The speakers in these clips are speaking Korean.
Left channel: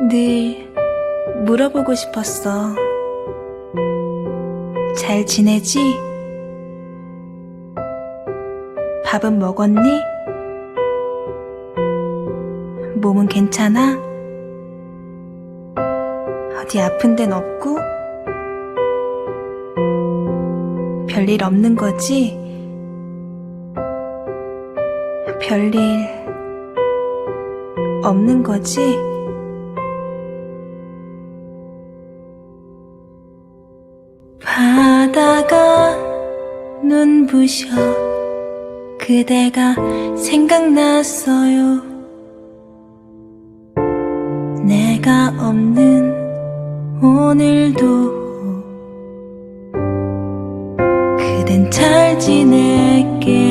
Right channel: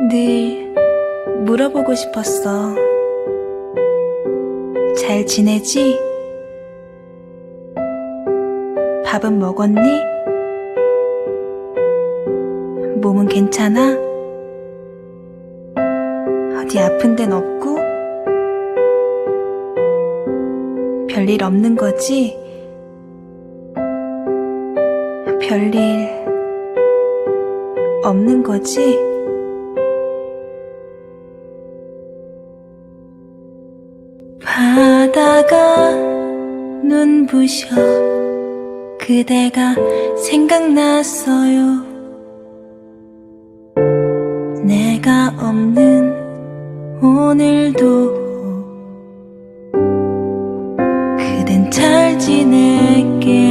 늘 물어보고 싶었어. 잘 지내지? 밥은 먹었니? 몸은 괜찮아? 어디 아픈 데는 없고? 별일 없는 거지? 별일 없는 거지? 바다가 눈부셔 그대가 생각났어요. 내가 없는 오늘도 그댄 잘 지냈겠죠.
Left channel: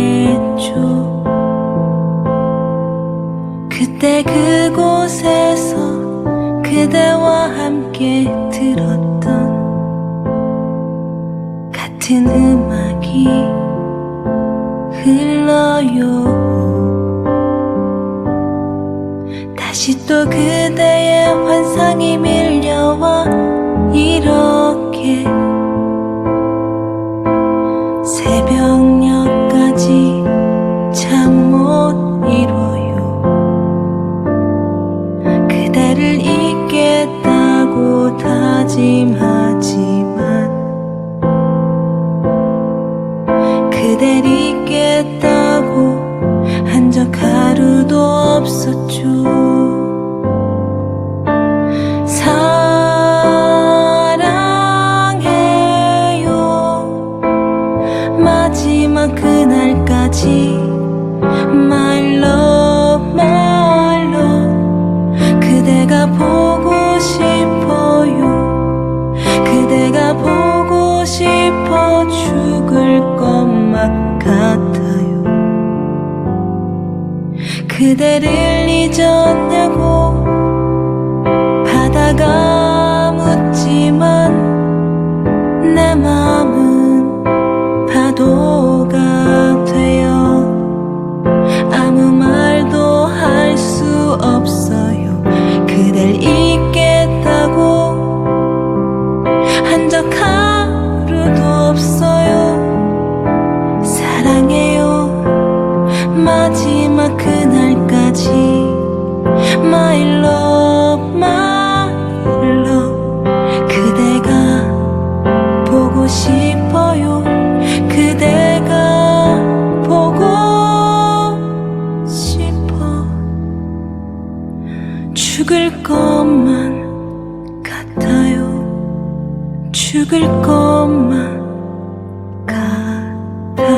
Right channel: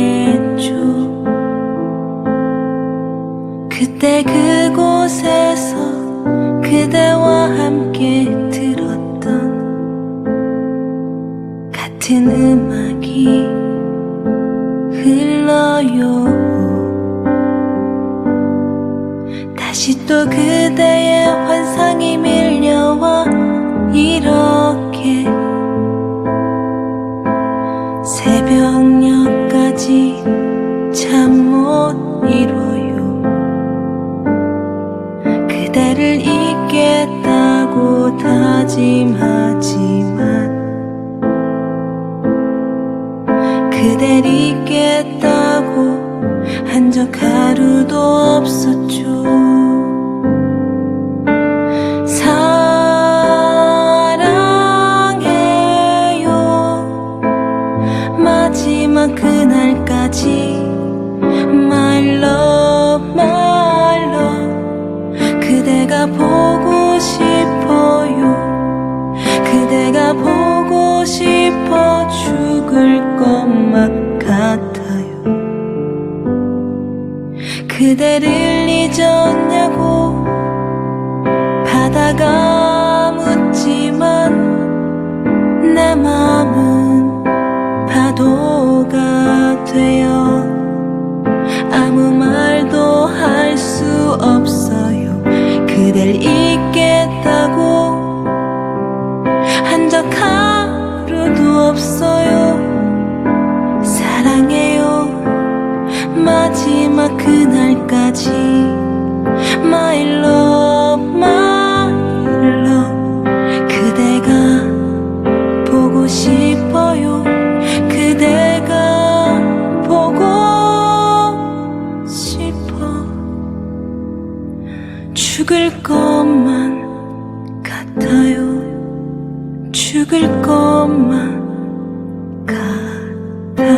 그때 그곳에서 그대와 함께 같은 음악이 흘러요. 다시 또 그대의 환상이 밀려와 이렇게 새벽녘까지 잠 못 이뤄요. 그대를 잊겠다고 다짐하지 그댈 잊겠다고 한 적 하루도 없었죠. 사랑해요. 마지막 그날까지 My love, my love. 그대가 보고 싶어요. 그대가 보고 싶어 죽을 것만 같아요. 그대를 잊었냐고 바다가 묻지만 내 마음은 파도가 되어 아무 말도 할 수 없어요. 그댈 잊겠다고 한 적 하루도 없어요. 사랑해요. 마지막 그날까지. My love, my love. 그대가 보고 싶어요. 그대가 보고 싶어. 죽을 것만 같아요. 죽을 것만 같아요.